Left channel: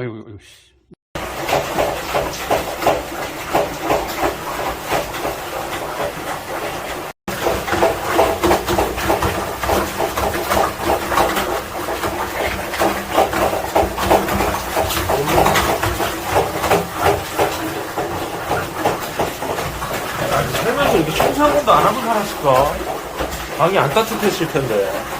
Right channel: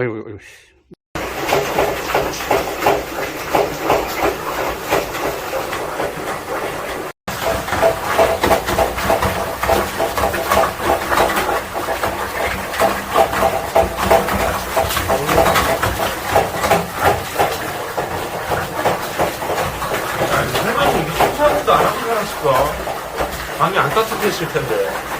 아이고, 아이고, 씨. 설명이 이렇게 청소하고도 안 하는 사람 싶어. 방이 안 따뜻했을 텐데.